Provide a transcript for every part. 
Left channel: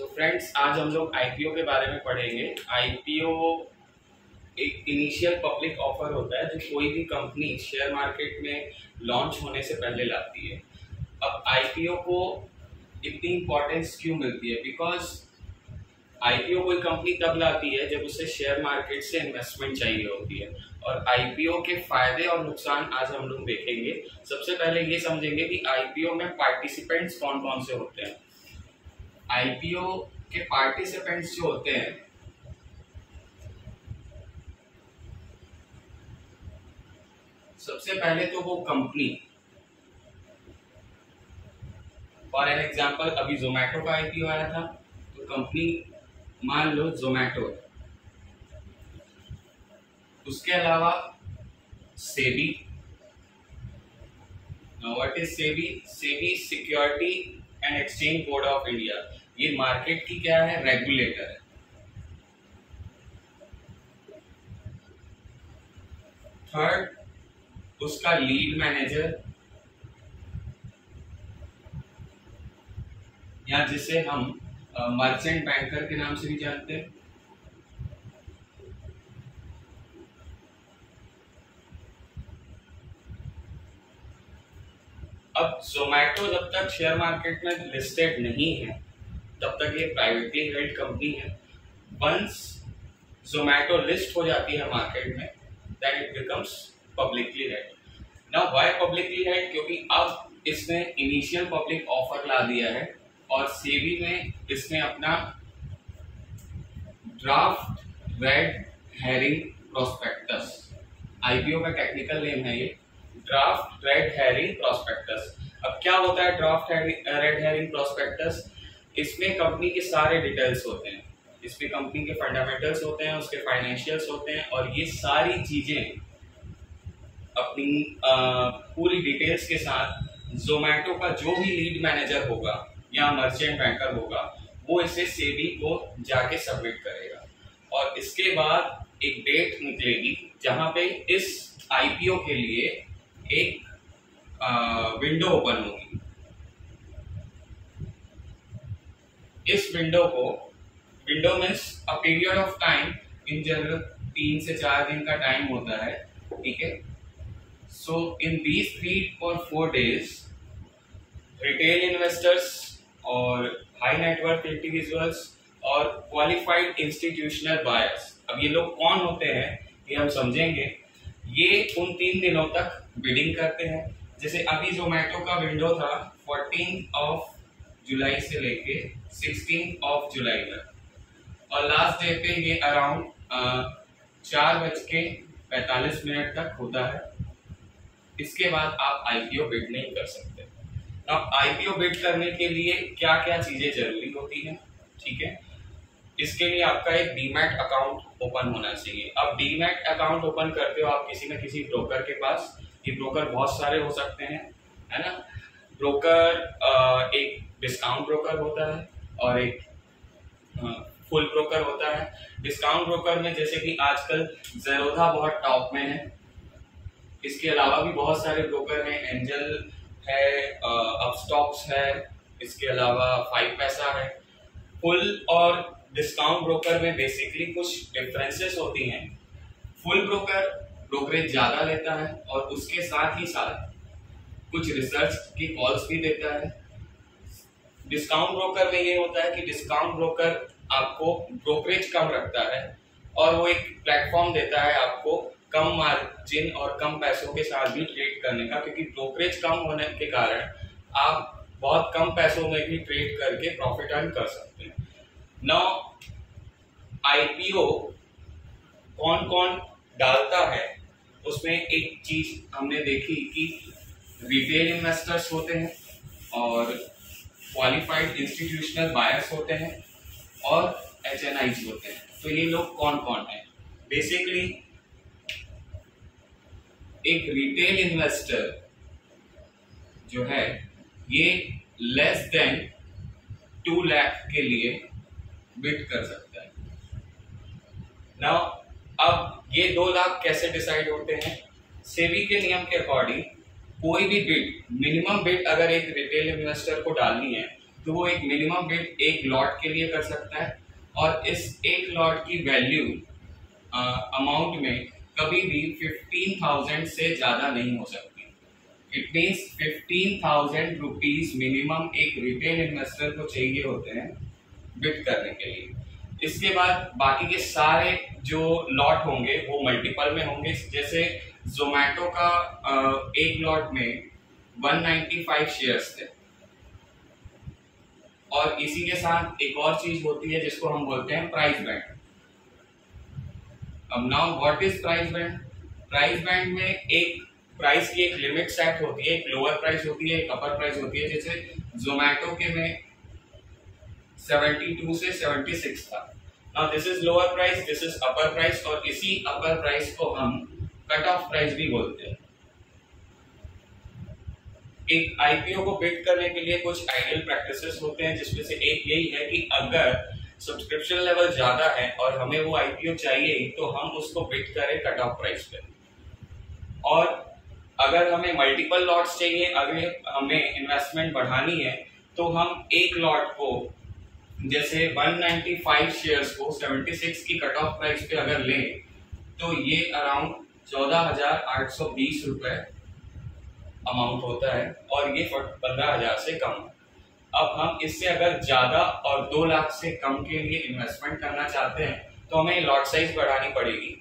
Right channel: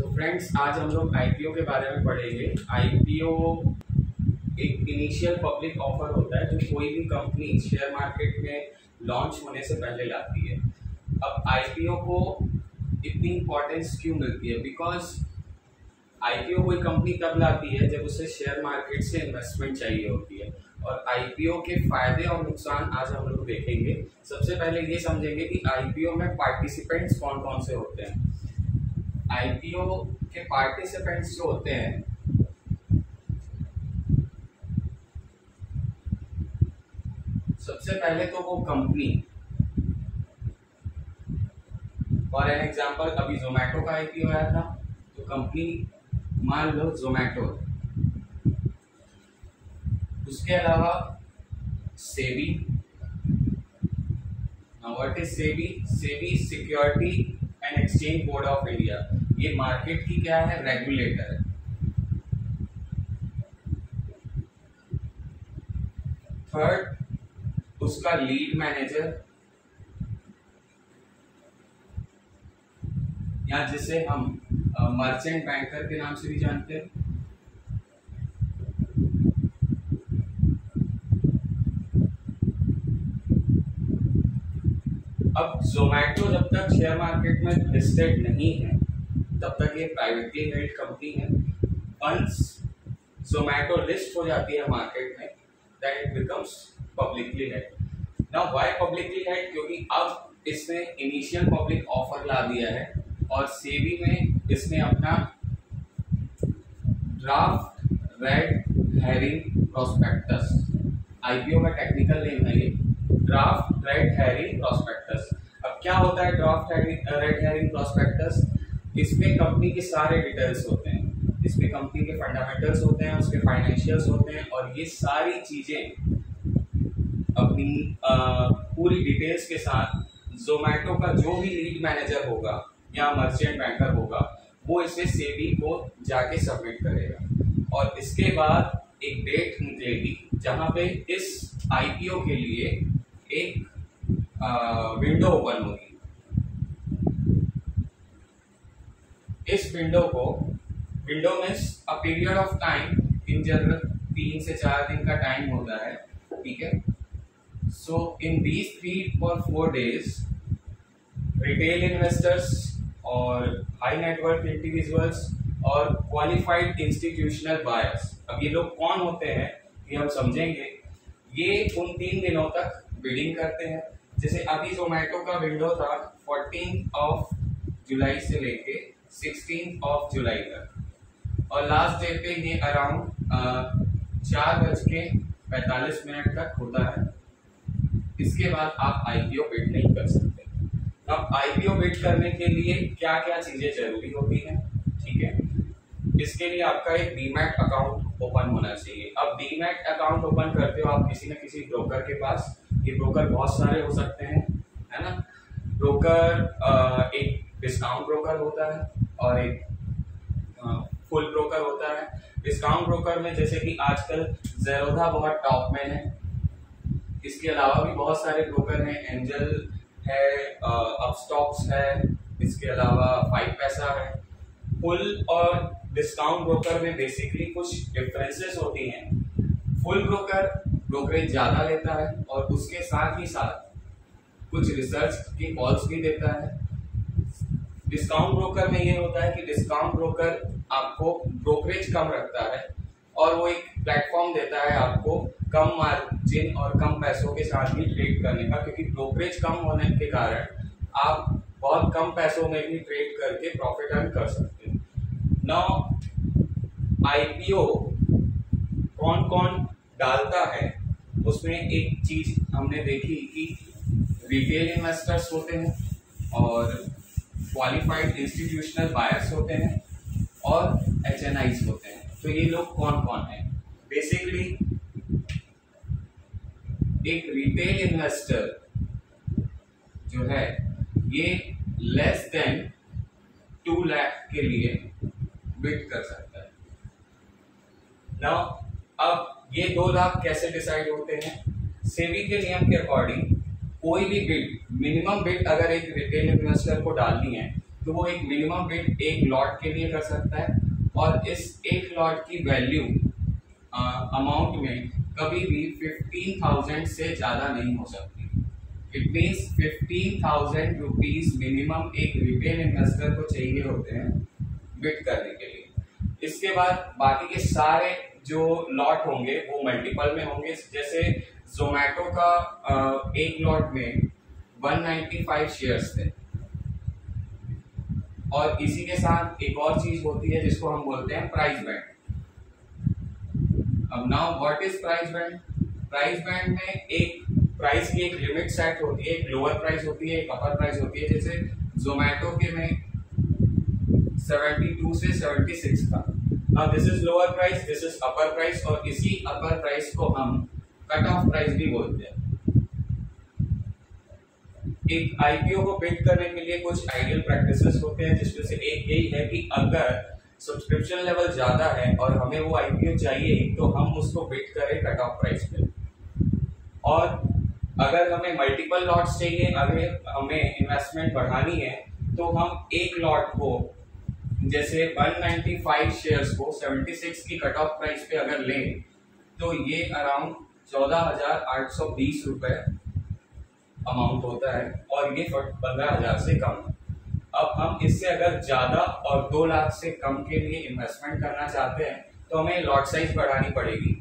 So friends, आज हम लोग आईपीओ के बारे में पढ़ेंगे। आईपीओ एक इनिशियल पब्लिक ऑफर होता है जो कोई भी कंपनी शेयर मार्केट में लॉन्च होने से पहले लाती है। अब आईपीओ को इतनी इम्पोर्टेंस क्यों मिलती है? बिकॉज आईपीओ कोई कंपनी तब लाती है जब उसे शेयर मार्केट से इन्वेस्टमेंट चाहिए होती है। और आईपीओ के फायदे और नुकसान आज हम लोग देखेंगे। सबसे पहले ये समझेंगे कि आईपीओ में पार्टिसिपेंट्स कौन कौन से होते हैं। आईपीओ के पार्टिसिपेंट्स जो होते हैं, सबसे पहले तो वो कंपनी, फॉर एन एग्जांपल अभी जोमेटो का आईपीओ आया था, तो कंपनी मान लो जोमेटो। उसके अलावा SEBI. What is SEBI? SEBI security and exchange board of India. ये मार्केट की क्या है? रेगुलेटर है। थर्ड, उसका लीड मैनेजर, या जिसे हम मर्चेंट बैंकर के नाम से भी जानते हैं। अब जोमेटो जब तक शेयर मार्केट में लिस्टेड नहीं है तब तक ये प्राइवेटली हेल्ड कंपनी है। वंस जोमेटो लिस्ट हो जाती है मार्केट में, then it becomes publicly held. Now why publicly held? क्योंकि अब इसने इनिशियल पब्लिक ऑफर ला दिया है और सेबी में इसने अपना draft red herring prospectus, IPO का टेक्निकल नेम है ये, ड्राफ्ट रेड हेरिंग प्रोस्पेक्टस। अब क्या होता है ड्राफ्ट रेड हेरिंग प्रोस्पेक्टस? इसमें कंपनी के सारे डिटेल्स होते हैं, इसमें कंपनी के फंडामेंटल्स होते हैं, उसके फाइनेंशियल्स होते हैं, और ये सारी चीजें अपनी पूरी डिटेल्स के साथ जोमेटो का जो भी लीड मैनेजर होगा या मर्चेंट बैंकर होगा, वो इसे सेबी को जाके सबमिट करेगा। और इसके बाद एक डेट निकलेगी जहां पे इस आईपीओ के लिए एक विंडो ओपन होगी। इस window means a period of time, in general 3 से 4 दिन का टाइम होता है, ठीक है। So in these 3 or 4 days retail investors और हाई नेटवर्क इंडिविजुअल्स और क्वालिफाइड इंस्टीट्यूशनल बायर्स, अब ये लोग कौन होते हैं ये हम समझेंगे। ये उन 3 दिनों तक बिडिंग करते हैं। जैसे अभी जोमेटो का विंडो था 14 जुलाई से लेके 16 जुलाई तक, और लास्ट डे पे ये अराउंड 4:45 तक होता है। इसके बाद आप आईपीओ बिड नहीं कर सकते। अब आईपीओ बिड करने के लिए क्या क्या चीजें जरूरी होती हैं, ठीक है। इसके लिए आपका एक डीमैट अकाउंट ओपन होना चाहिए। अब डीमैट अकाउंट ओपन करते हो आप किसी न किसी ब्रोकर के पास। ये ब्रोकर बहुत सारे हो सकते हैं, है ना। ब्रोकर एक डिस्काउंट ब्रोकर होता है और एक फुल ब्रोकर होता है। डिस्काउंट ब्रोकर में जैसे कि आजकल ज़ेरोधा बहुत टॉप में है। इसके अलावा भी बहुत सारे ब्रोकर हैं, एंजल है, अपस्टॉक्स है, इसके अलावा 5 पैसा है। फुल और डिस्काउंट ब्रोकर में बेसिकली कुछ डिफरेंसेस होती हैं। फुल ब्रोकर ब्रोकरेज ज़्यादा लेता है और उसके साथ ही साथ कुछ रिसर्च की कॉल्स भी देता है। डिस्काउंट ब्रोकर में ये होता है कि डिस्काउंट ब्रोकर आपको ब्रोकरेज कम रखता है और वो एक प्लेटफॉर्म देता है आपको कम मार्जिन और कम पैसों के साथ भी ट्रेड करने का, क्योंकि ब्रोकरेज कम होने के कारण आप बहुत कम पैसों में भी ट्रेड करके प्रॉफिट अर्न कर सकते हैं। नाउ आईपीओ कौन कौन डालता है, उसमें एक चीज हमने देखी कि रिटेल इन्वेस्टर्स होते हैं और क्वालिफाइड इंस्टीट्यूशनल बायर्स होते हैं और एचएनआईज होते हैं। तो ये लोग कौन कौन हैं? बेसिकली एक रिटेल इन्वेस्टर जो है ये लेस देन 2 लाख के लिए बिड कर सकता है। नाउ अब ये 2 लाख कैसे डिसाइड होते हैं? सेबी के नियम के अकॉर्डिंग कोई भी बिड, मिनिमम बिड अगर एक रिटेल इन्वेस्टर को डालनी है तो वो एक मिनिमम बिड एक लॉट के लिए कर सकता है, और इस एक लॉट की वैल्यू अमाउंट में कभी भी 15,000 से ज्यादा नहीं हो सकती। इट मीन्स 15,000 रुपीज मिनिमम एक रिटेल इन्वेस्टर को चाहिए होते हैं बिड करने के लिए। इसके बाद बाकी के सारे जो लॉट होंगे वो मल्टीपल में होंगे। जैसे जोमैटो का एक लॉट में 195 शेयर्स थे, और इसी के साथ एक और चीज होती है जिसको हम बोलते हैं प्राइस बैंड। अब now what is price band? Price band में एक प्राइस की एक लिमिट सेट होती है, एक लोअर प्राइस होती है, एक अपर प्राइस होती है। जैसे जोमैटो के में 72 से 76 था। Now this is lower price, this is upper price, और इसी अपर प्राइस को हम कट ऑफ प्राइस भी बोलते हैं। एक आईपीओ को बिड करने के लिए कुछ आइडियल प्रैक्टिसेस होते हैं, जिसमें से एक यही है कि अगर सब्सक्रिप्शन लेवल ज्यादा है और हमें वो आईपीओ चाहिए तो हम उसको बिड करें कट ऑफ प्राइस पे। और अगर हमें मल्टीपल लॉट्स चाहिए, अगर हमें इन्वेस्टमेंट बढ़ानी है, तो हम एक लॉट को जैसे 195 शेयर्स को 76 की कट ऑफ प्राइस पे अगर लें तो ये अराउंड 14,820 रुपए अमाउंट होता है, और ये 15,000 से कम। अब हम इससे अगर ज्यादा और 2 लाख से कम के लिए इन्वेस्टमेंट करना चाहते हैं तो हमें लॉट साइज बढ़ानी पड़ेगी,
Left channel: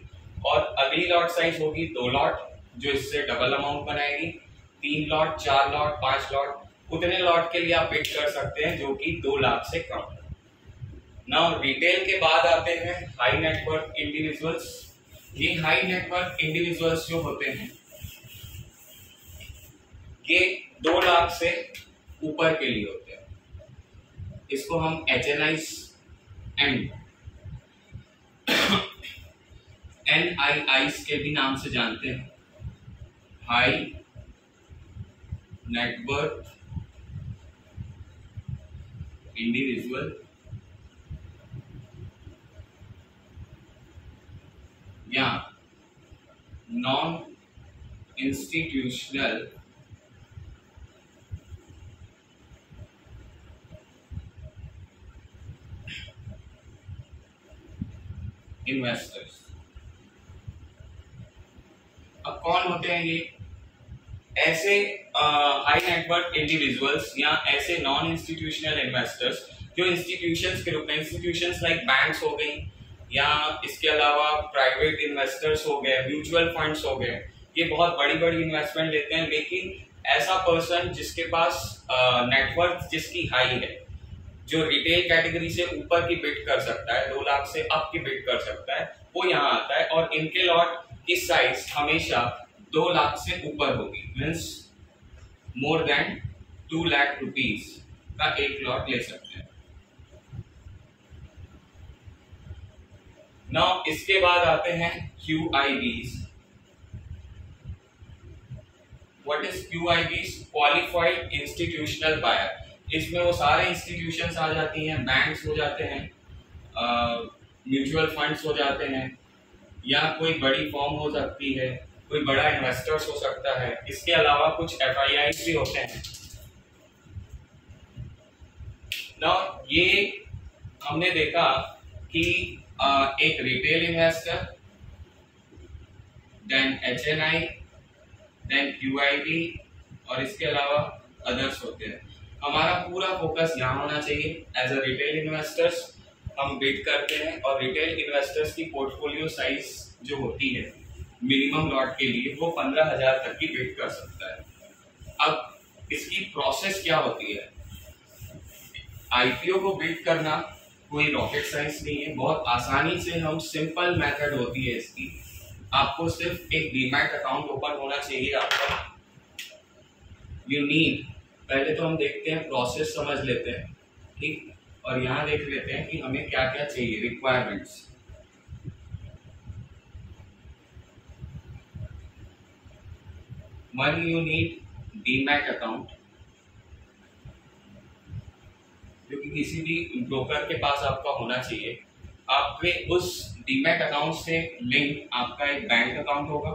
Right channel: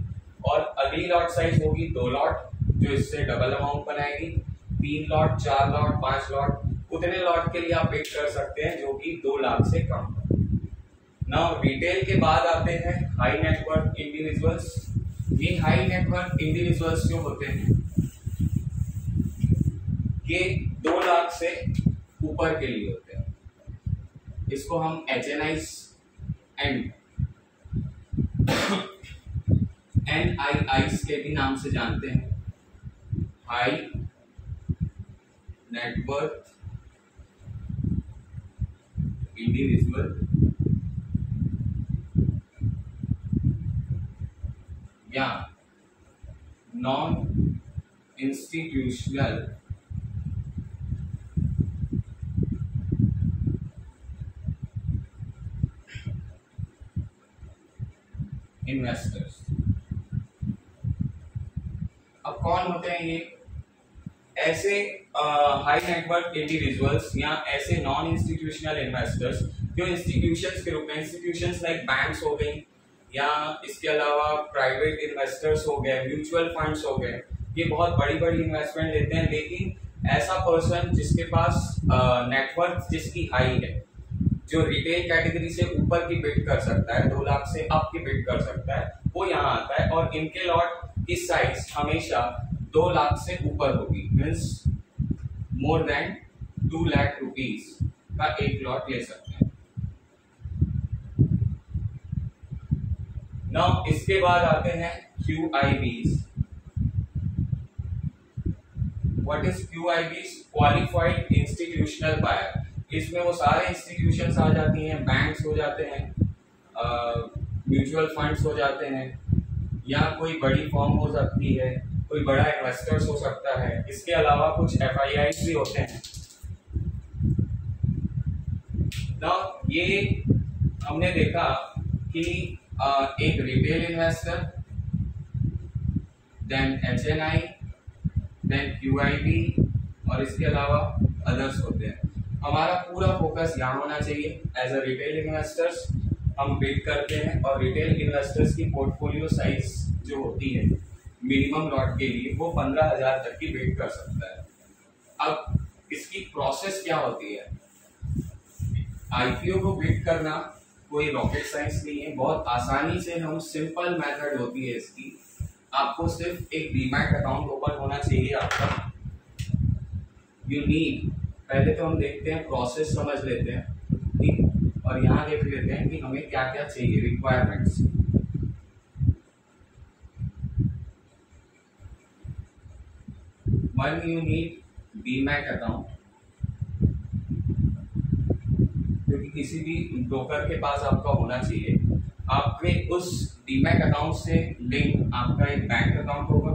और अगली लॉट साइज होगी 2 लॉट जो इससे डबल अमाउंट बनाएगी। 3 लॉट, 4 लॉट, 5 लॉट, उतने लॉट के लिए आप बिड कर सकते हैं जो कि 2 लाख से कम। नाउ रिटेल के बाद आते हैं हाई नेटवर्थ इंडिविजुअल्स। ये हाई नेटवर्थ इंडिविजुअल्स जो होते हैं ये 2 लाख से ऊपर के लिए होते हैं। इसको हम HNIs एंड NIIs के भी नाम से जानते हैं, हाई नेटवर्थ इंडिविजुअल या नॉन इंस्टीट्यूशनल इन्वेस्टर्स। अब कौन होते हैं ये? ऐसे हाई नेटवर्थ इंडिविजुअल्स या ऐसे नॉन इंस्टीट्यूशनल इन्वेस्टर्स जो इंस्टीट्यूशंस के रूप में, इंस्टीट्यूशंस लाइक बैंक्स हो गई, या इसके अलावा प्राइवेट इन्वेस्टर्स हो गए, म्यूचुअल फंड्स हो गए, ये बहुत बड़ी बड़ी इन्वेस्टमेंट लेते हैं। लेकिन ऐसा पर्सन जिसके पास नेटवर्थ जिसकी हाई है, जो रिटेल कैटेगरी से ऊपर की बिड कर सकता है, 2 लाख से अप की बिड कर सकता है, वो यहाँ आता है, और इनके लॉट की साइज हमेशा 2 लाख से ऊपर होगी। Means more than 2 lakh rupees का एक लॉट ले सकते हैं। नाउ इसके बाद आते हैं QIBs। What is QIBs? Qualified institutional buyer. इसमें वो सारे इंस्टीट्यूशंस आ जाती हैं, बैंक्स हो जाते हैं, म्यूचुअल फंड्स हो जाते हैं, या कोई बड़ी फर्म हो सकती है, कोई बड़ा इन्वेस्टर्स हो सकता है। इसके अलावा कुछ FIIs भी होते हैं। ना ये हमने देखा कि एक retail investor, then HNI, then QIB, और इसके अलावा अदर्स होते हैं। हमारा पूरा फोकस यहाँ होना चाहिए। एज अ रिटेल इन्वेस्टर्स हम बिड करते हैं, और रिटेल इन्वेस्टर्स की पोर्टफोलियो साइज जो होती है मिनिमम लॉट के लिए वो 15,000 तक की बिड कर सकता है। अब इसकी प्रोसेस क्या होती है? आईपीओ को बिड करना कोई रॉकेट साइंस नहीं है, बहुत आसानी से हम सिंपल मेथड होती है इसकी। आपको सिर्फ एक डीमैट अकाउंट ओपन होना चाहिए आपका। यू नीड, पहले तो हम देखते हैं, प्रोसेस समझ लेते हैं, ठीक, और यहाँ देख लेते हैं कि हमें क्या क्या चाहिए, requirements. One, you need demat account, क्योंकि किसी भी ब्रोकर के पास आपका होना चाहिए। आपके उस डीमैट अकाउंट से लिंक आपका एक बैंक अकाउंट होगा,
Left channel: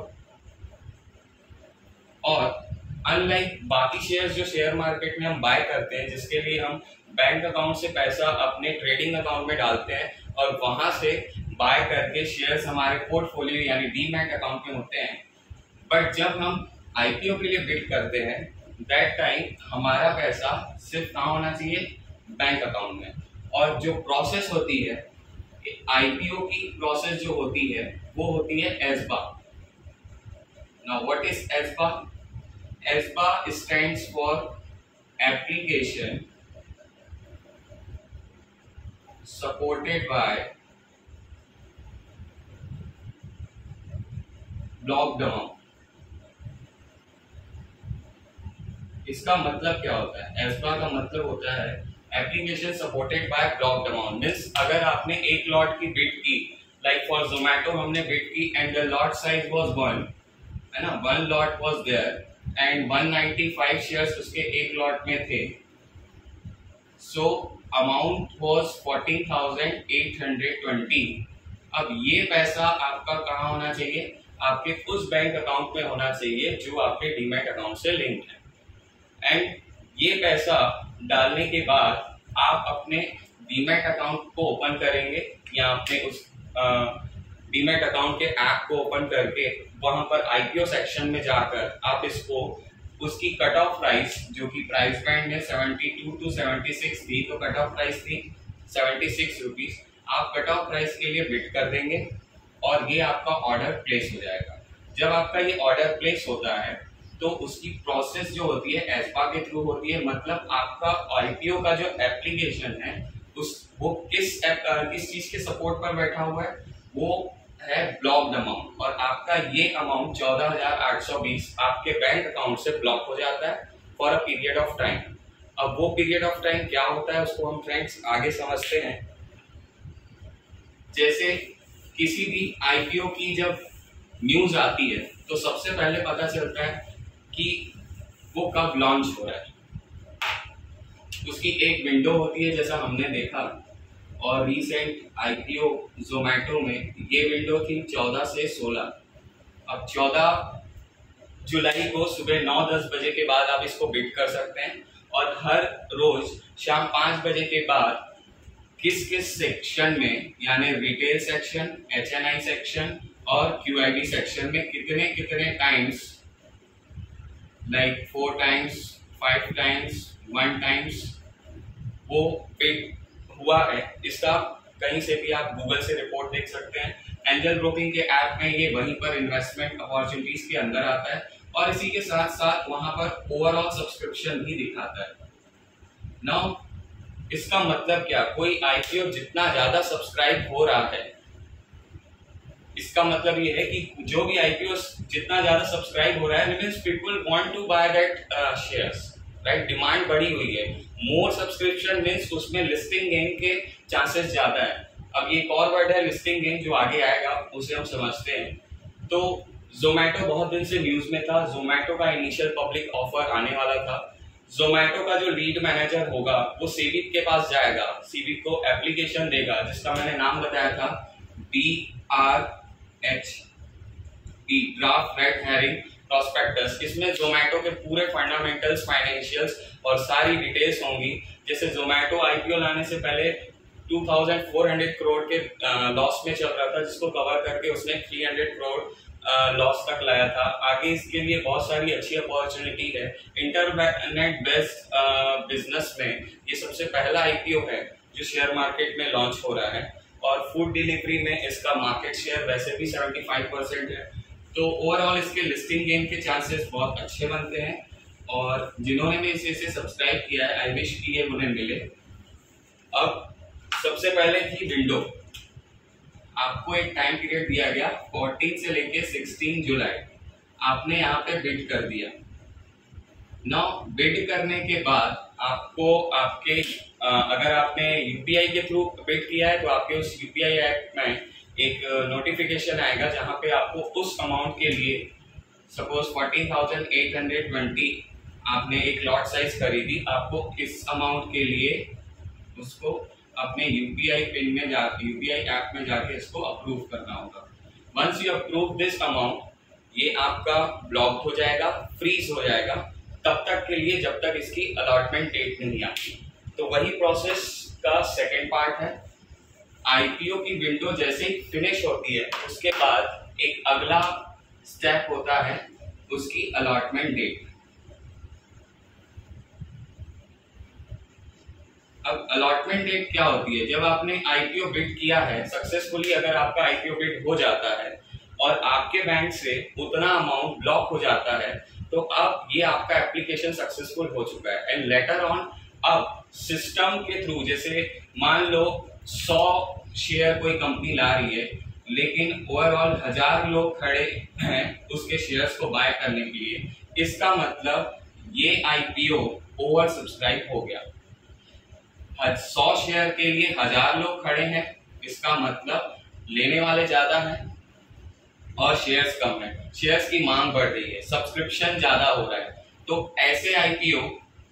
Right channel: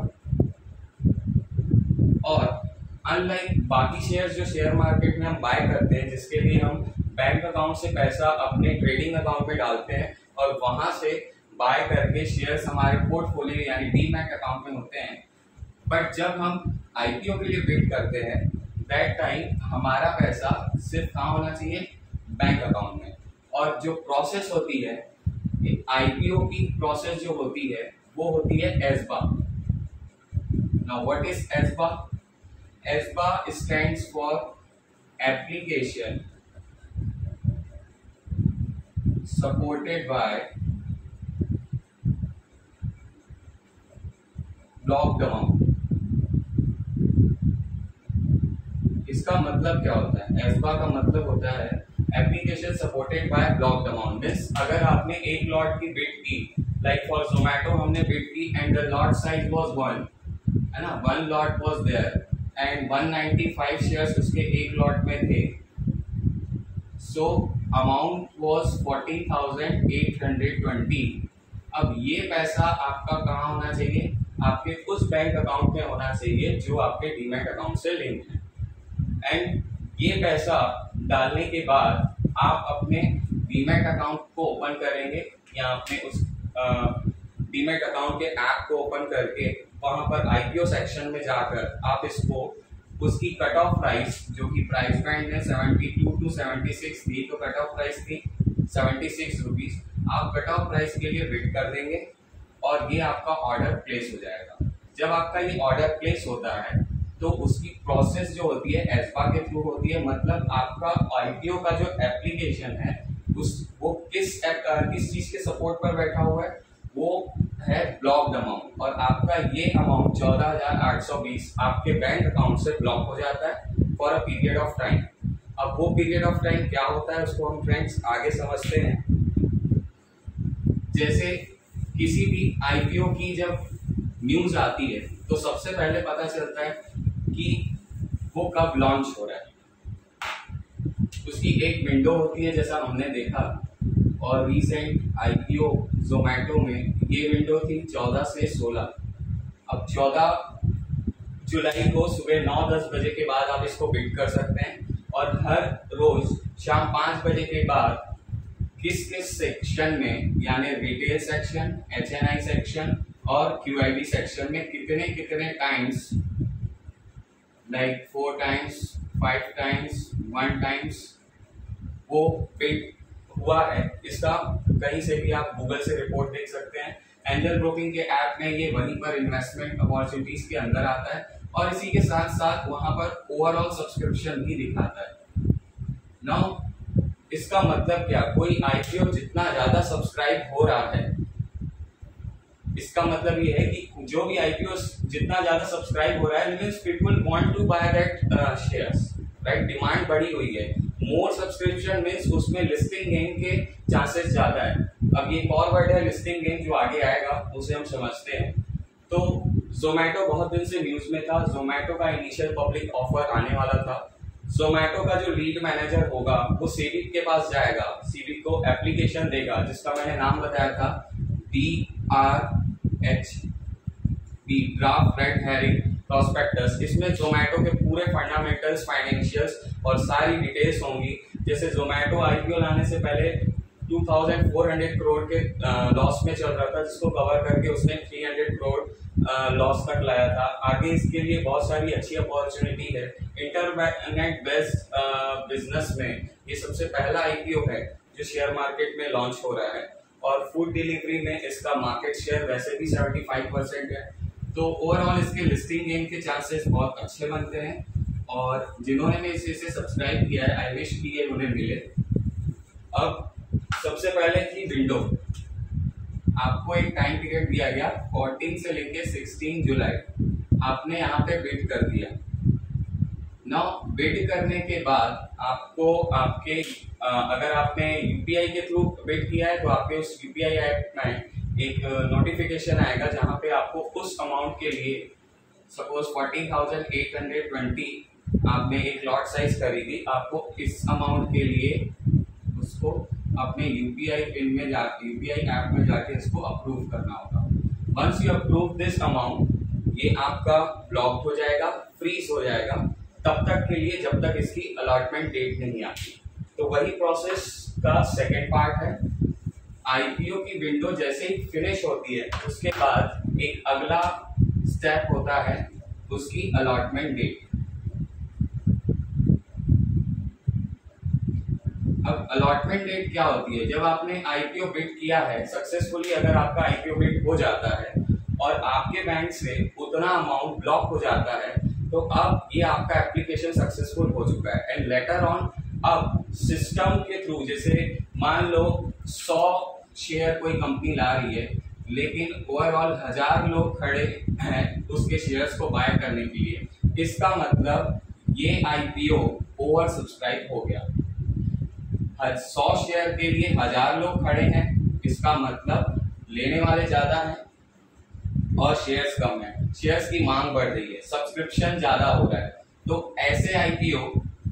और अनलाइक बाकी शेयर्स जो शेयर मार्केट में हम बाय करते हैं, जिसके लिए हम बैंक अकाउंट से पैसा अपने ट्रेडिंग अकाउंट में डालते हैं और वहां से बाय करके शेयर्स हमारे पोर्टफोलियो यानी डीमैट अकाउंट में होते हैं। बट जब हम आईपीओ के लिए बिड करते हैं दैट टाइम हमारा पैसा सिर्फ कहाँ होना चाहिए, बैंक अकाउंट में। और जो प्रोसेस होती है आईपीओ की प्रोसेस जो होती है वो होती है ASBA. Now what is ASBA? ASBA stands for application supported by blocked amount. इसका मतलब क्या होता है? एस्बा का मतलब होता है application supported by blocked amount. Means अगर आपने एक लॉट की बिड की, लाइक फॉर जोमेटो हमने बिड की and the lot size was 1, है ना, 1 lot was there and 195 shares उसके एक लॉट में थे। So amount was 14,820। अब ये पैसा आपका कहाँ होना चाहिए? आपके उस बैंक अकाउंट में होना चाहिए जो आपके डीमैट अकाउंट से लिंक्ड है। एंड ये पैसा डालने के बाद आप अपने डीमैट अकाउंट को ओपन करेंगे या अपने उस डीमैट अकाउंट के ऐप को ओपन करके वहां पर आईपीओ सेक्शन में जाकर आप इसको उसकी कट ऑफ प्राइस जो कि प्राइस बैंड में 72 to 76 थी, तो कट ऑफ प्राइस थी 76 रुपीज। आप कट ऑफ प्राइस के लिए बिड कर देंगे और ये आपका ऑर्डर प्लेस हो जाएगा। जब आपका ये ऑर्डर प्लेस होता है तो उसकी प्रोसेस जो होती है एस्बा के थ्रू होती है। मतलब आपका आईपीओ का जो एप्लीकेशन है वो किस चीज के सपोर्ट पर बैठा हुआ है? वो है ब्लॉक्ड अमाउंट। और आपका ये अमाउंट 14,820 आपके बैंक अकाउंट से ब्लॉक हो जाता है for a period of time. अब वो पीरियड ऑफ टाइम क्या होता है उसको हम फ्रेंड्स आगे समझते हैं। जैसे किसी भी आईपीओ की जब न्यूज आती है तो सबसे पहले पता चलता है कि वो कब लॉन्च हो रहा है। उसकी एक विंडो होती है जैसा हमने देखा, और रीसेंट आईपीओ जोमेटो में ये विंडो थी 14 से 16। अब 14 जुलाई को सुबह 9-10 बजे के बाद आप इसको बिड कर सकते हैं और हर रोज शाम 5 बजे के बाद किस किस सेक्शन में यानी रिटेल सेक्शन, एचएनआई सेक्शन और क्यूआईबी सेक्शन में कितने कितने times, like 4 times, 5 times, 1 times वो बिड हुआ है। इसका कहीं से भी आप गूगल से रिपोर्ट देख सकते हैं। एंजल ब्रोकिंग के ऐप में ये वहीं पर इन्वेस्टमेंट अपॉर्चुनिटीज के अंदर आता है और इसी के साथ साथ वहां पर ओवरऑल सब्सक्रिप्शन भी दिखाता है। नाउ इसका मतलब क्या? कोई आईपीओ जितना ज्यादा सब्सक्राइब हो रहा है, इसका मतलब ये है कि जो भी आईपीओ जितना ज्यादा सब्सक्राइब हो रहा है means people want to buy that shares, right. Demand बढ़ी हुई है। मोर सब्सक्रिप्शन मींस उसमें लिस्टिंग गेन के चांसेस ज्यादा है। अब ये एक और वर्ड है लिस्टिंग गेन जो आगे आएगा उसे हम समझते हैं। तो जोमेटो बहुत दिन से न्यूज में था। जोमेटो का इनिशियल पब्लिक ऑफर आने वाला था। जोमेटो का जो लीड मैनेजर होगा वो सीविक के पास जाएगा, सीविक को एप्लीकेशन देगा जिसका मैंने नाम बताया था DRHP, draft red herring prospectus. इसमें जोमेटो के पूरे फंडामेंटल्स, फाइनेंशियल्स और सारी डिटेल्स होंगी। जैसे जोमेटो आईपीओ लाने से पहले 2400 करोड़ के लॉस में चल रहा था, जिसको कवर करके उसने 300 करोड़ लॉस तक लाया था। आगे इसके लिए बहुत सारी अच्छी अपॉर्चुनिटी है। इंटरनेट बेस्ड बिजनेस में ये सबसे पहला आईपीओ है जो शेयर मार्केट में लॉन्च हो रहा है और फूड डिलीवरी में इसका मार्केट शेयर वैसे भी 75% है। तो ओवरऑल इसके लिस्टिंग गेन के चांसेस बहुत अच्छे बनते हैं और जिन्होंने भी इसे सब्सक्राइब किया है आई विश कि ये उन्हें मिले। अब सबसे पहले थी विंडो। आपको एक टाइम पीरियड दिया गया 14 से लेके 16 जुलाई। आपने यहाँ पे बिड कर दिया। नाउ बिड करने के बाद आपको आपके अगर आपने यूपीआई के थ्रू बिड किया है तो आपके उस यूपीआई ऐप में एक नोटिफिकेशन आएगा जहां पे आपको उस अमाउंट के लिए सपोज 14,820 आपने एक लॉट साइज खरीदी, आपको इस अमाउंट के लिए उसको अपने यूपीआई पिन में यूपीआई ऐप में जाके इसको अप्रूव करना होगा। Once you approve this amount ये आपका ब्लॉक हो जाएगा, फ्रीज हो जाएगा तब तक के लिए जब तक इसकी अलॉटमेंट डेट नहीं आती। तो वही प्रोसेस का सेकेंड पार्ट है। आईपीओ की विंडो जैसे ही फिनिश होती है उसके बाद एक अगला स्टेप होता है उसकी अलॉटमेंट डेट। अब अलॉटमेंट डेट क्या होती है? जब आपने आईपीओ बिड किया है सक्सेसफुली, अगर आपका आईपीओ बिड हो जाता है और आपके बैंक से उतना अमाउंट ब्लॉक हो जाता है तो अब ये आपका एप्लीकेशन सक्सेसफुल हो चुका है। एंड लेटर ऑन अब सिस्टम के थ्रू, जैसे मान लो 100 शेयर कोई कंपनी ला रही है लेकिन ओवरऑल 1000 लोग खड़े हैं उसके शेयर्स को बाय करने के लिए, इसका मतलब ये आईपीओ ओवर सब्सक्राइब हो गया। 100 शेयर के लिए 1000 लोग खड़े हैं, इसका मतलब लेने वाले ज्यादा हैं और शेयर्स कम है, शेयर्स की मांग बढ़ रही है, सब्सक्रिप्शन ज्यादा हो रहा है। तो ऐसे आईपीओ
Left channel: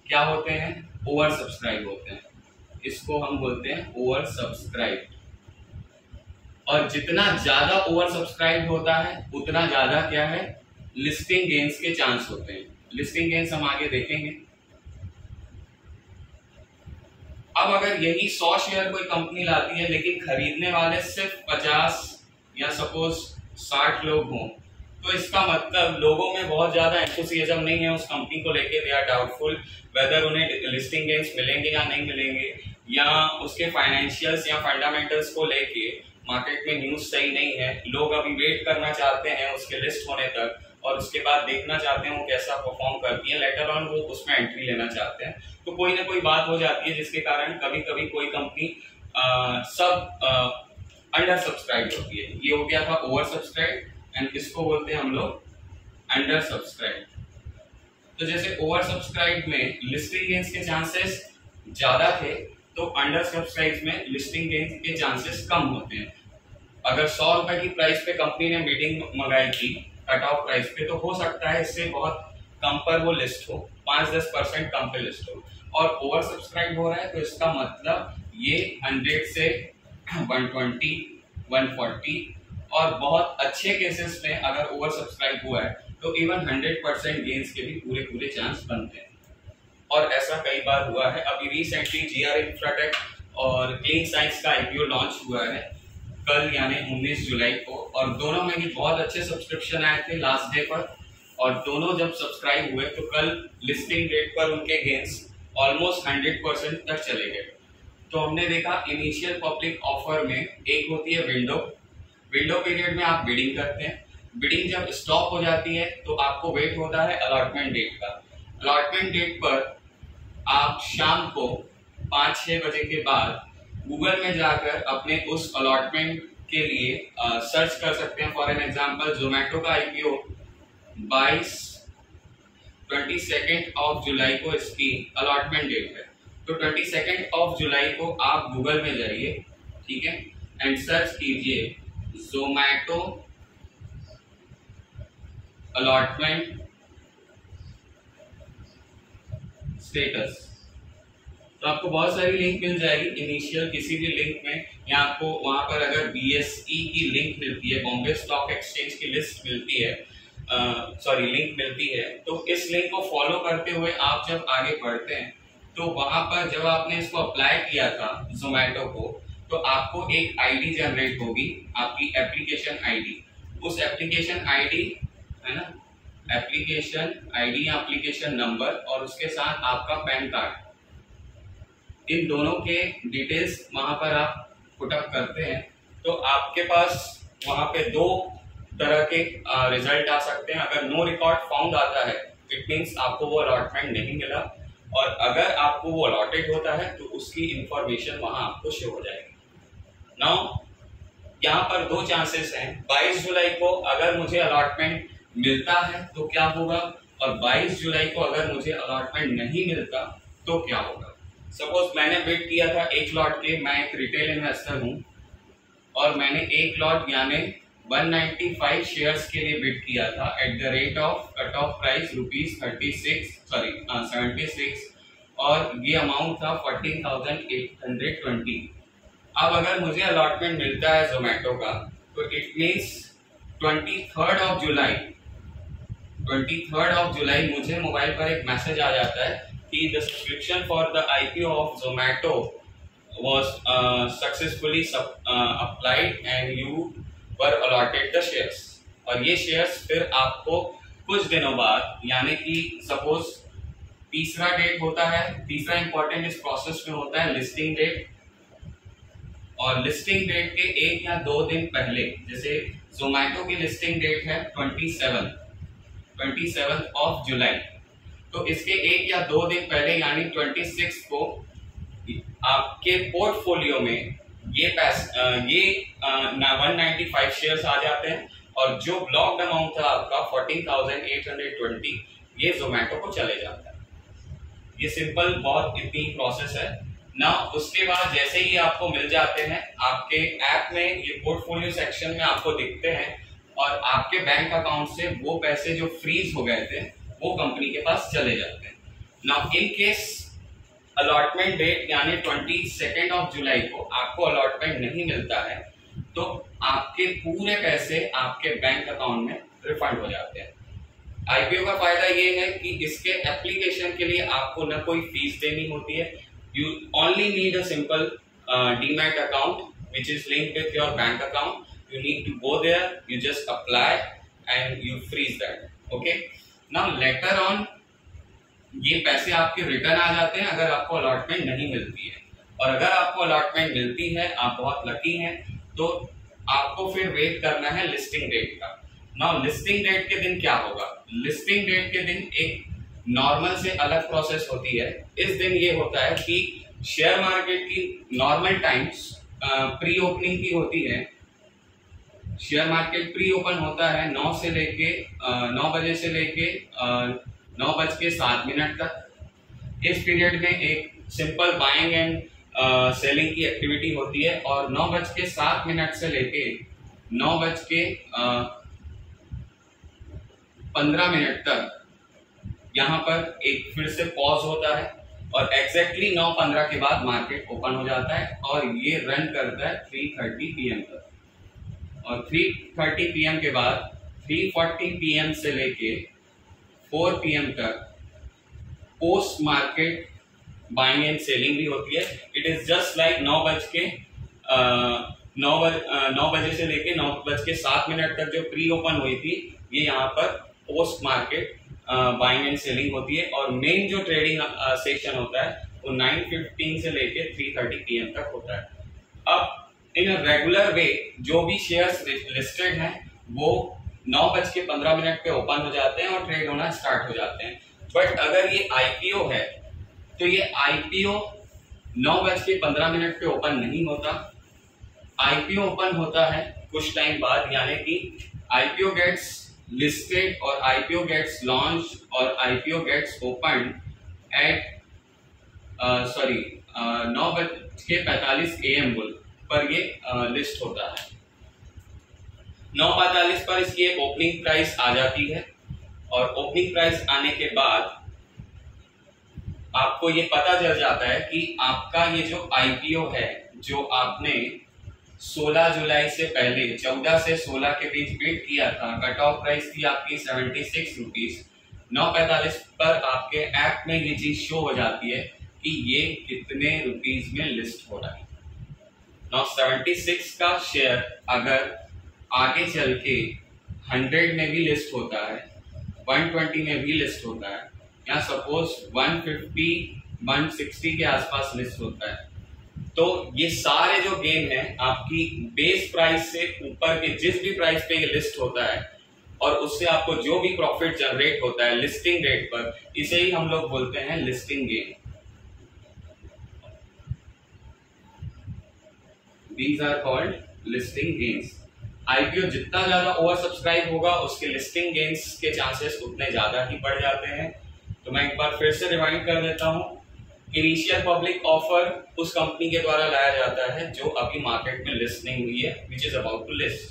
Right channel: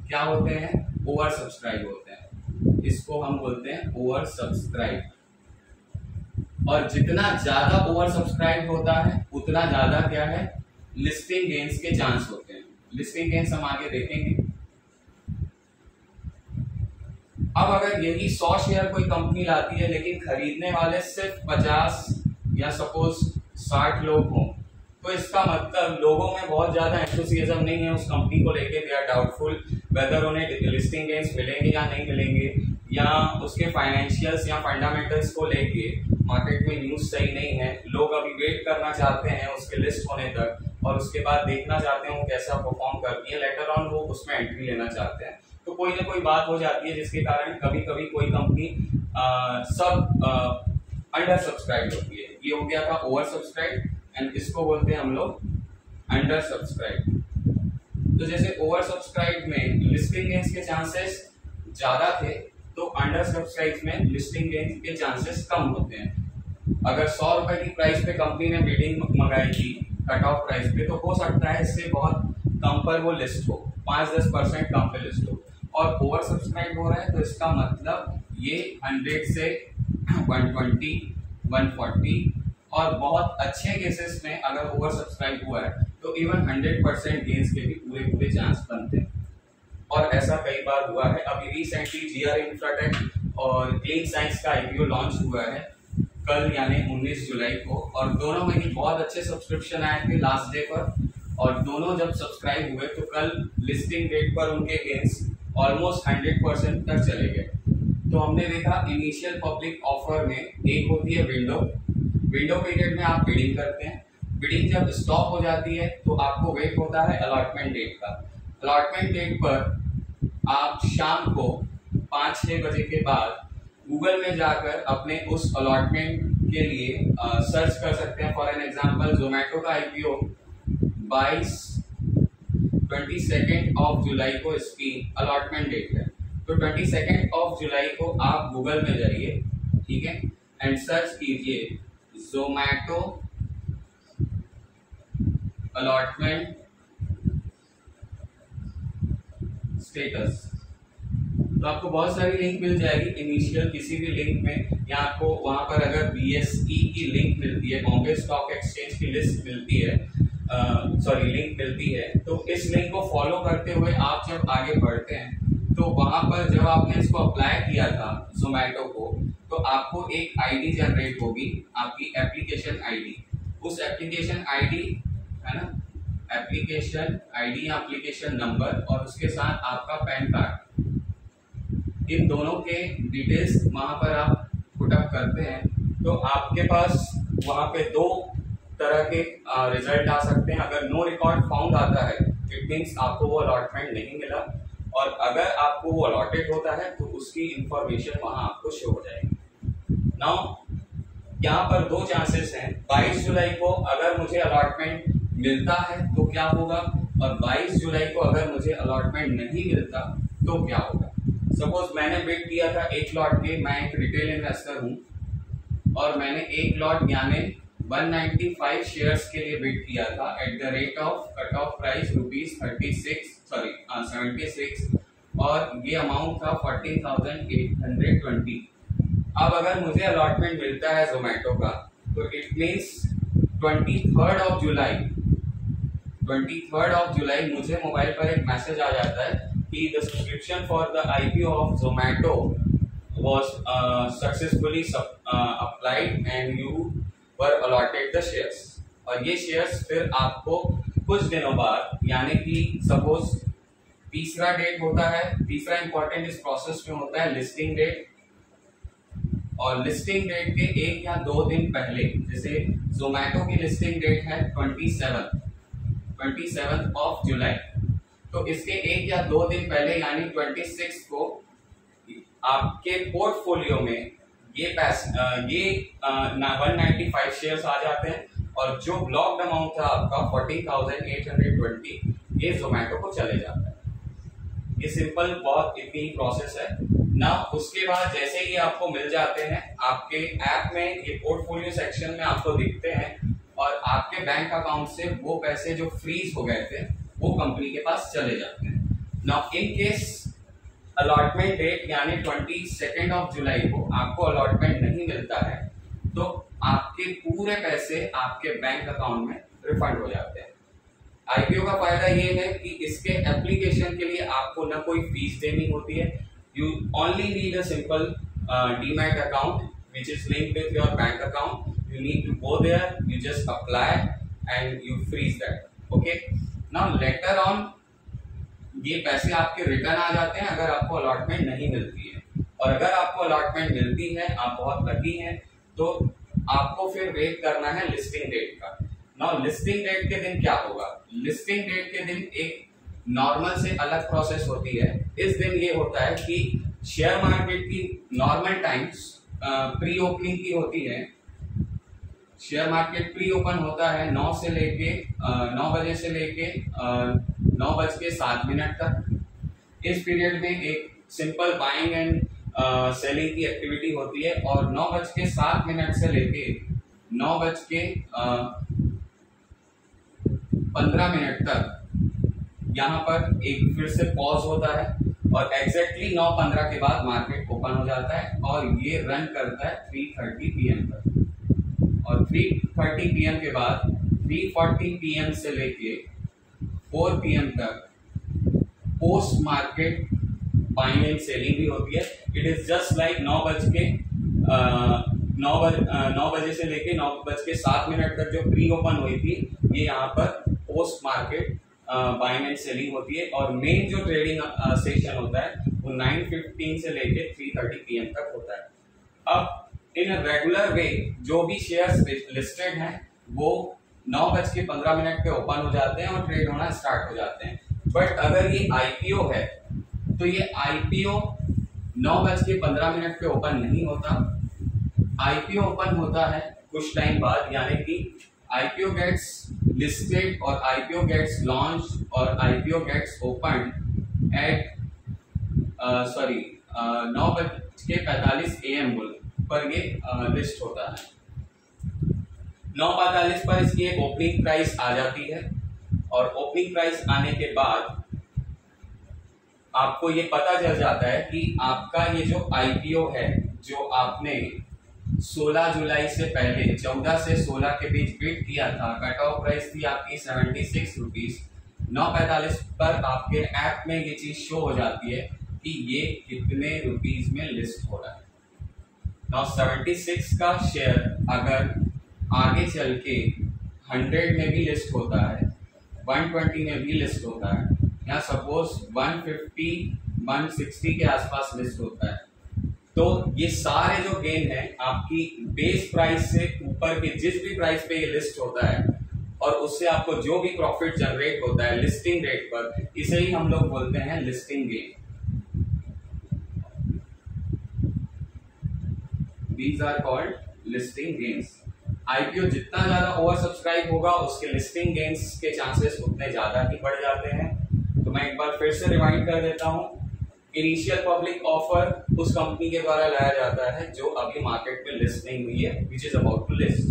क्या होते हैं? ओवर सब्सक्राइब होते हैं। इसको हम बोलते हैं ओवर सब्सक्राइब। और जितना ज्यादा ओवर सब्सक्राइब होता है उतना ज्यादा क्या है? लिस्टिंग गेन्स के चांस होते हैं। लिस्टिंग गेन्स हम आगे देखेंगे। अब अगर यही 100 शेयर कोई कंपनी लाती है लेकिन खरीदने वाले सिर्फ 50 या सपोज 60 लोग हों, तो इसका मतलब लोगों में बहुत ज्यादा एंथुसियाज्म नहीं है उस कंपनी को लेके। दे आर डाउटफुल वेदर उन्हें लिस्टिंग गेन्स मिलेंगे या नहीं मिलेंगे, या उसके फाइनेंशियल्स या फंडामेंटल्स को लेके मार्केट में न्यूज सही नहीं है। लोग अभी वेट करना चाहते हैं उसके लिस्ट होने तक और उसके बाद देखना चाहते हैं वो कैसा परफॉर्म करती है, लेटर ऑन वो उसमें एंट्री लेना चाहते हैं। तो कोई ना कोई बात हो जाती है जिसके कारण कभी कभी कोई कंपनी अंडर सब्सक्राइब होती है। ये हो गया था ओवर सब्सक्राइब एंड इसको बोलते हैं हम लोग अंडर सब्सक्राइब। तो जैसे ओवर सब्सक्राइब में लिस्टिंग गेन्स के चांसेस ज्यादा थे तो अंडर सब्सक्राइब में लिस्टिंग गेन्स के चांसेस कम होते हैं। अगर 100 रुपए की प्राइस पे कंपनी ने बिडिंग मंगाई थी कट ऑफ प्राइस पे, तो हो सकता है इससे बहुत कम पर वो लिस्ट हो, 5-10% कम पे लिस्ट हो। और ओवर सब्सक्राइब हो रहा है तो इसका मतलब ये 100 से 120, 140 और बहुत अच्छे केसेस में अगर ओवर सब्सक्राइब हुआ है तो इवन 100% गेन्स के भी पूरे चांस बनते हैं। और ऐसा कई बार हुआ है। अभी रिसेंटली जीआर इंफ्राटेक और क्लीन साइंस का आईपीओ लॉन्च हुआ है कल यानी 19 जुलाई को, और दोनों में भी बहुत अच्छे सब्सक्रिप्शन आए थे लास्ट डे पर, और दोनों जब सब्सक्राइब हुए तो कल लिस्टिंग डेट पर उनके गेन्स ऑलमोस्ट 100% तक चले गए। तो हमने देखा इनिशियल पब्लिक ऑफर में एक होती है विंडो पीरियड में आप बिडिंग करते हैं। बिडिंग जब स्टॉप हो जाती है तो आपको वेट होता है अलॉटमेंट डेट का। अलॉटमेंट डेट पर आप शाम को 5-6 बजे के बाद गूगल में जाकर अपने उस अलॉटमेंट के लिए सर्च कर सकते हैं। फॉर एन एग्जांपल जोमेटो का आईपीओ 22 ऑफ जुलाई को इसकी अलॉटमेंट डेट है, तो 22 ऑफ जुलाई को आप गूगल में जाइए, ठीक है, एंड सर्च कीजिए जोमेटो अलॉटमेंट स्टेटस। तो आपको बहुत सारी लिंक मिल जाएगी इनिशियल किसी भी लिंक में, या आपको वहां पर अगर BSE की लिंक मिलती है, बॉम्बे स्टॉक एक्सचेंज की लिस्ट मिलती है, लिंक मिलती है, तो इस लिंक को फॉलो करते हुए आप जब आगे बढ़ते हैं तो वहां पर जब आपने इसको अप्लाई किया था जोमेटो को, तो आपको एक आईडी जनरेट होगी, आपकी एप्लीकेशन आईडी। उस एप्लीकेशन आईडी है ना, एप्लीकेशन आईडी या एप्लीकेशन नंबर और उसके साथ आपका पैन कार्ड, इन दोनों के डिटेल्स वहां पर आप पुटअप करते हैं तो आपके पास वहां पे 2 तरह के रिजल्ट आ सकते हैं। अगर नो रिकॉर्ड फाउंड आता है इट मींस आपको वो अलॉटमेंट नहीं मिला, और अगर आपको वो अलॉटेड होता है तो उसकी इंफॉर्मेशन वहां आपको शो हो जाएगी। नाउ यहाँ पर 2 चांसेस हैं। 22 जुलाई को अगर मुझे अलॉटमेंट मिलता है तो क्या होगा, और 22 जुलाई को अगर मुझे अलॉटमेंट नहीं मिलता तो क्या होगा। सपोज मैंने बिड किया था 1 लॉट के, मैं एक रिटेल इन्वेस्टर हूं और मैंने 1 लॉट यानी 195 शेयर्स के लिए बिड किया था at the rate of cut off price ₹76 और ये अमाउंट था 14,820। अब अगर मुझे अलॉटमेंट मिलता है जोमेटो का तो it means 23rd of July मुझे मोबाइल पर एक मैसेज आ जाता है कि the subscription for the IPO of Zomato was successfully applied and you were allotted the shares। और ये शेयर्स फिर आपको कुछ दिनों बाद, यानी कि सपोज तीसरा डेट होता है, तीसरा इंपॉर्टेंट इस प्रोसेस में होता है लिस्टिंग डेट, और लिस्टिंग डेट के 1 या 2 दिन पहले, जैसे जोमैटो की लिस्टिंग डेट है 27 ऑफ जुलाई, तो इसके 1 या 2 दिन पहले यानी 26 को आपके पोर्टफोलियो में ये 195 शेयर्स आ जाते हैं, और जो ब्लॉक्ड अमाउंट था आपका 14,820 ये जोमैटो को चले जाता है। ये सिंपल बहुत इतनी प्रोसेस है ना। उसके बाद जैसे ही आपको मिल जाते हैं, आपके ऐप में ये पोर्टफोलियो सेक्शन में आपको दिखते हैं, और आपके बैंक अकाउंट से वो पैसे जो फ्रीज हो गए थे वो कंपनी के पास चले जाते हैं। Now in case allotment date यानी 22 ऑफ जुलाई को आपको अलॉटमेंट नहीं मिलता है, तो आपके पूरे पैसे आपके बैंक अकाउंट में रिफंड हो जाते हैं। आईपीओ का फायदा ये है कि इसके एप्लीकेशन के लिए आपको न कोई फीस देनी होती है। You only need a simple demat account which is linked with your bank account. You need to go there, you just apply and you freeze that. Okay, now later on ये पैसे आपके return आ जाते हैं अगर आपको allotment नहीं मिलती है, और अगर आपको अलॉटमेंट मिलती है, आप बहुत लकी हैं, तो आपको फिर वेट करना है लिस्टिंग डेट का। नाउ लिस्टिंग डेट के दिन क्या होगा? लिस्टिंग डेट के दिन एक नॉर्मल से अलग प्रोसेस होती है। इस दिन ये होता है कि शेयर मार्केट की नॉर्मल टाइम्स प्री ओपनिंग की होती है। शेयर मार्केट प्री ओपन होता है 9 बजे से लेके 9:07 तक। इस पीरियड में एक सिंपल बाइंग एंड सेलिंग की एक्टिविटी होती है, और 9:07 से लेके 9:15 तक यहाँ पर एक फिर से पॉज होता है, और एग्जैक्टली 9:15 के बाद मार्केट ओपन हो जाता है, और ये रन करता है 3:30 PM तक। और 3:30 PM के बाद 3:40 PM से लेके 4 PM तक post market buying and selling भी होती है। इट इज जस्ट लाइक 9 बजे से लेके 9:07 तक जो प्री ओपन हुई थी, ये यहाँ पर post market buying and selling होती है। और मेन जो ट्रेडिंग सेशन होता है वो 9:15 से लेके 3:30 PM तक होता है। अब इन रेगुलर वे जो भी शेयर्स लिस्टेड हैं वो 9:15 पे ओपन हो जाते हैं और ट्रेड होना स्टार्ट हो जाते हैं। बट अगर ये आईपीओ है तो ये आईपीओ 9:15 पे ओपन नहीं होता। आईपीओ ओपन होता है कुछ टाइम बाद, यानी कि आईपीओ गेट्स लिस्टेड और आईपीओ गेट्स लॉन्च और IPO gets open at 9:45 AM पर ये लिस्ट होता है। 9:45 पर इसकी एक ओपनिंग प्राइस आ जाती है, और ओपनिंग प्राइस आने के बाद आपको ये पता चल जाता है कि आपका ये जो आईपीओ है, जो आपने 16 जुलाई से पहले 14 से 16 के बीच बिड किया था, कट ऑफ प्राइस थी आपकी 76 रुपीज। 9:45 पर आपके ऐप में ये चीज शो हो जाती है कि ये कितने रुपीज में लिस्ट हो रहा है। 76 का शेयर अगर आगे चल के 100 में भी लिस्ट होता है, 120 में भी लिस्ट होता है, या सपोज 150, 160 के आसपास लिस्ट होता है, तो ये सारे जो गेन है आपकी बेस प्राइस से ऊपर के जिस भी प्राइस पे ये लिस्ट होता है, और उससे आपको जो भी प्रॉफिट जनरेट होता है लिस्टिंग रेट पर, इसे ही हम लोग बोलते हैं listing gain. These are called listing gains। IPO जितना ज्यादा ओवर सब्सक्राइब होगा उसके लिस्टिंग गेन्स के चांसेस उतने ज्यादा ही बढ़ जाते हैं। तो मैं एक बार फिर से रिमाइंड कर देता हूँ, इनिशियल पब्लिक ऑफर उस कंपनी के द्वारा लाया जाता है जो अभी मार्केट में लिस्ट नहीं हुई है, which is about to list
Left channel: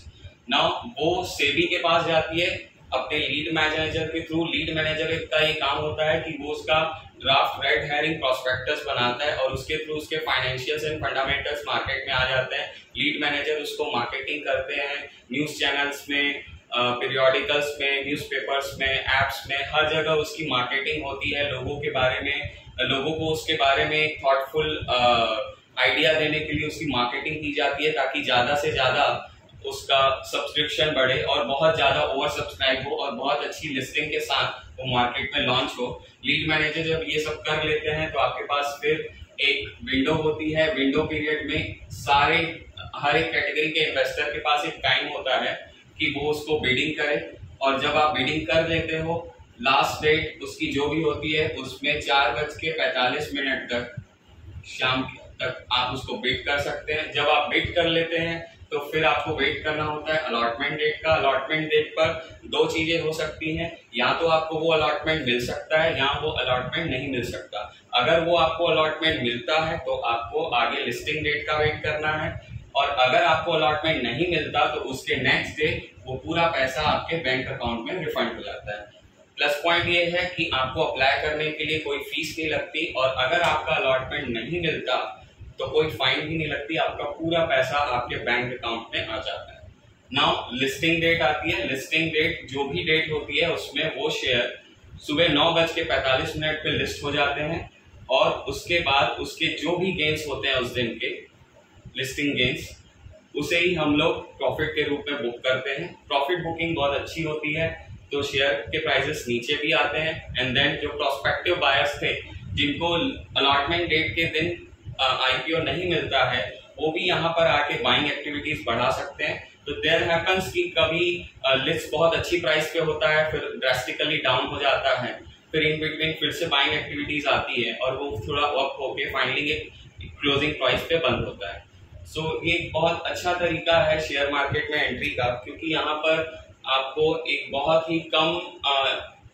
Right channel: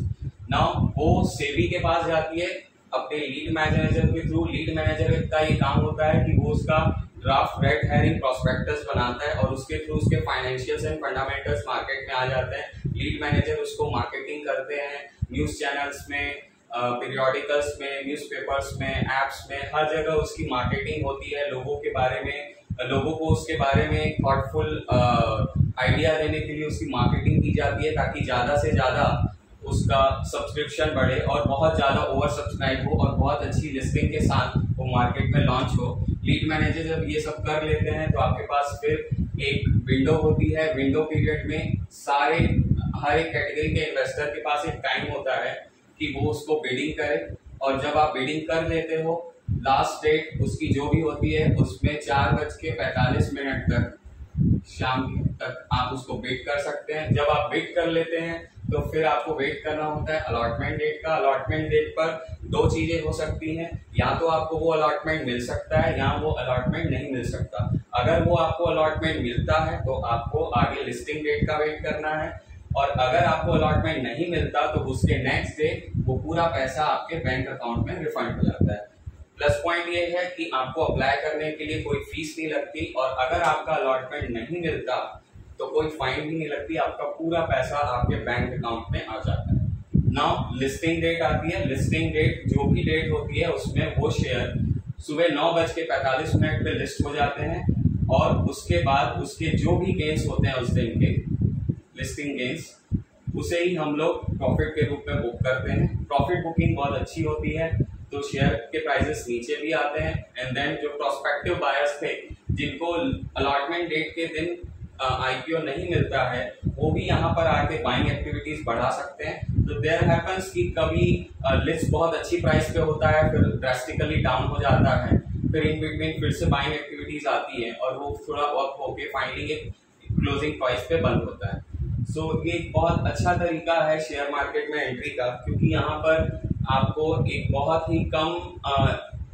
now. वो सेबी के पास जाती है अपने लीड मैनेजर के थ्रू। लीड मैनेजर का ये काम होता है कि वो उसका ड्राफ्ट रेड हेरिंग प्रोस्पेक्टस बनाता है, और उसके थ्रू उसके फाइनेंशियल्स एंड फंडामेंटल्स मार्केट में आ जाते हैं। लीड मैनेजर उसको मार्केटिंग करते हैं न्यूज चैनल्स में, पीरियोडिकल्स में, न्यूज़पेपर्स में, एप्स में, हर जगह उसकी मार्केटिंग होती है। लोगों के बारे में लोगों को उसके बारे में थॉटफुल आइडिया देने के लिए उसकी मार्केटिंग की जाती है, ताकि ज़्यादा से ज़्यादा उसका सब्सक्रिप्शन बढ़े और बहुत ज़्यादा ओवर सब्सक्राइब हो और बहुत अच्छी लिस्टिंग के साथ वो मार्केट में लॉन्च हो। लीड मैनेजर जब ये सब कर लेते हैं तो आपके पास फिर एक विंडो होती है। विंडो पीरियड में हर एक कैटेगरी के इन्वेस्टर के पास एक टाइम होता है कि वो उसको बिडिंग करे, और जब आप बिडिंग कर लेते हो, लास्ट डेट उसकी जो भी होती है उसमें 4:45 तक शाम तक आप उसको बिड कर सकते हैं। जब आप बिड कर लेते हैं तो फिर आपको वेट करना होता है अलॉटमेंट डेट का। अलॉटमेंट डेट पर दो चीजें हो सकती हैं, या तो आपको वो अलॉटमेंट मिल सकता है या वो अलॉटमेंट नहीं मिल सकता। अगर वो आपको अलॉटमेंट मिलता है तो आपको आगे लिस्टिंग डेट का वेट करना है, और अगर आपको अलॉटमेंट नहीं मिलता तो उसके नेक्स्ट डे वो पूरा पैसा आपके बैंक अकाउंट में रिफंड हो जाता है। प्लस पॉइंट ये है कि आपको अप्लाई करने के लिए कोई फीस नहीं लगती, और अगर आपका अलॉटमेंट नहीं मिलता तो कोई फाइन भी नहीं लगती, आपका पूरा पैसा आपके बैंक अकाउंट में आ जाता है। नाउ लिस्टिंग डेट आती है। लिस्टिंग डेट जो भी डेट होती है उसमें वो शेयर सुबह 9:45 पे लिस्ट हो जाते हैं, और उसके बाद उसके जो भी गेन्स होते हैं उस दिन के लिस्टिंग गेन्स, उसे ही हम लोग प्रॉफिट के रूप में बुक करते हैं। प्रॉफिट बुकिंग बहुत अच्छी होती है तो शेयर के प्राइसेस नीचे भी आते हैं। एंड देन जो प्रोस्पेक्टिव बायर्स थे जिनको अलॉटमेंट डेट के दिन आईपीओ नहीं मिलता है, वो भी यहाँ पर आके बाइंग एक्टिविटीज बढ़ा सकते हैं। तो देयर हैपेंस कि कभी लिस्ट बहुत अच्छी प्राइस पे होता है, फिर ड्रास्टिकली डाउन हो जाता है, फिर इन बिटवीन फिर से बाइंग एक्टिविटीज आती है और वो थोड़ा अप होके फाइनली एक क्लोजिंग प्राइस पे बंद होता है। सो ये एक बहुत अच्छा तरीका है शेयर मार्केट में एंट्री का, क्योंकि यहाँ पर आपको एक बहुत ही कम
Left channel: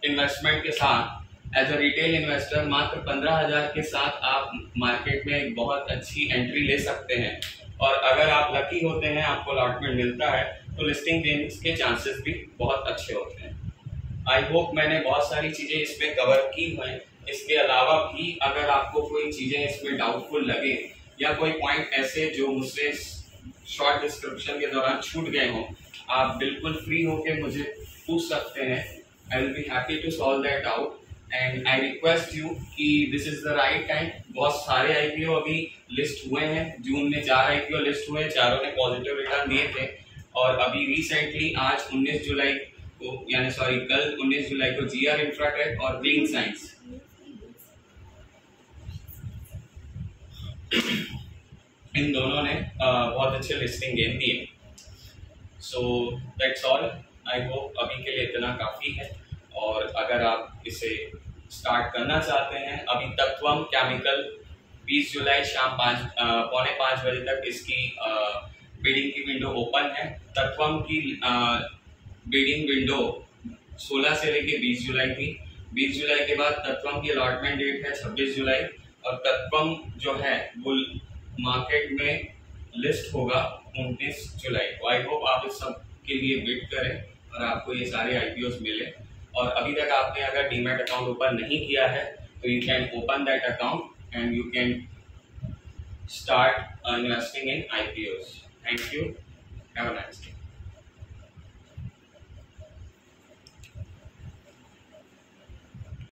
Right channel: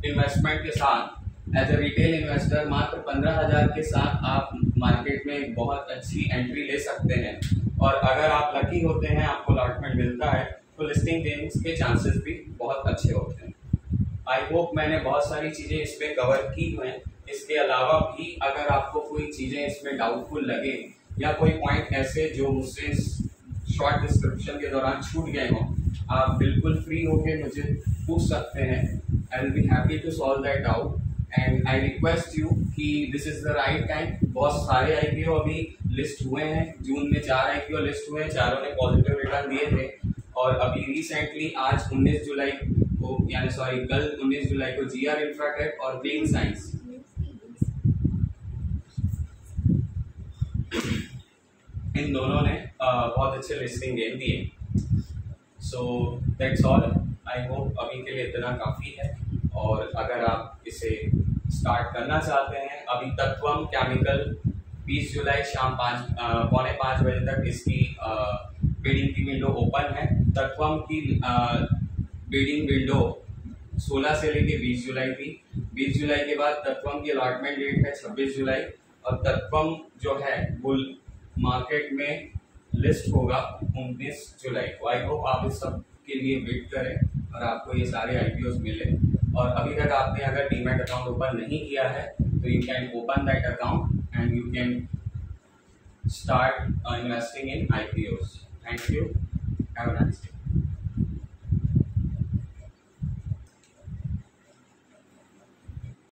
इन्वेस्टमेंट के साथ एज अ रिटेल इन्वेस्टर मात्र 15,000 के साथ आप मार्केट में एक बहुत अच्छी एंट्री ले सकते हैं। और अगर आप लकी होते हैं, आपको अलॉटमेंट मिलता है, तो लिस्टिंग गेन्स के चांसेस भी बहुत अच्छे होते हैं। आई होप मैंने बहुत सारी चीजें इसमें कवर की हुई हैं। इसके अलावा भी अगर आपको कोई चीजें इसमें डाउटफुल लगे या कोई पॉइंट ऐसे जो मुझसे शॉर्ट डिस्क्रिप्शन के दौरान छूट गए हों, आप बिल्कुल फ्री होके मुझे पूछ सकते हैं। I will be happy to solve that out, and I request you कि this is the right time. बहुत सारे आईपीओ अभी लिस्ट हुए हैं। जून में 4 आईपीओ लिस्ट हुए हैं, चारों ने पॉजिटिव रिटर्न दिए थे, और अभी रिसेंटली आज 19 जुलाई को कल 19 जुलाई को जीआर इंफ्राटेक और क्लीन साइंस इन दोनों ने बहुत अच्छे लिस्टिंग गेन दिए। So that's all. I hope अभी के लिए इतना काफ़ी है, और अगर आप इसे स्टार्ट करना चाहते हैं, अभी तत्वम केमिकल 20 जुलाई शाम 4:45 बजे तक इसकी बिडिंग की विंडो ओपन है। तत्वम की बिडिंग विंडो 16 से लेके 20 जुलाई थी। 20 जुलाई के बाद तत्वम की अलॉटमेंट डेट है 26 जुलाई, और तत्वम जो है वो मार्केट में लिस्ट होगा 19 जुलाई को। आई होप आप इस सब के लिए वेट करें और आपको ये सारे आईपीओस मिले। और अभी तक आपने अगर डीमैट अकाउंट ओपन नहीं किया है तो you can open that account and you can start investing in IPOs. Thank you, have a nice day.